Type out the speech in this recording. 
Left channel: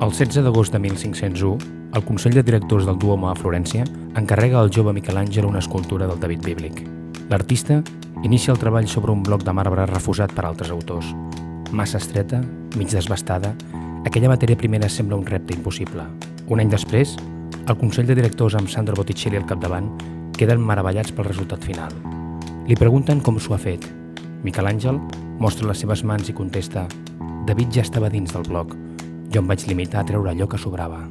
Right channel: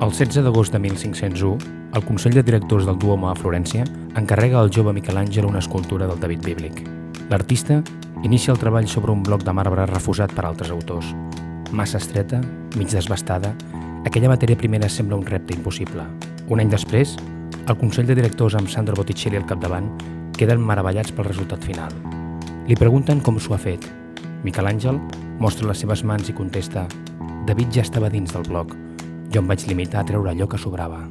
El 16 d'agost de 1501, el Consell de Directors del Duomo a Florència encarrega al jove Miquel Àngel una escultura del David bíblic. L'artista inicia el treball sobre un bloc de marbre refusat per altres autors. Massa estreta, mig desbastada, aquella matèria primera sembla un repte impossible. Un any després, el Consell de Directors amb Sandro Botticelli al capdavant queden meravellats pel resultat final. Li pregunten com s'ho ha fet. Miquel Àngel mostra les seves mans i contesta: David ja estava dins del bloc. Jo em vaig limitar a treure allò que sobrava.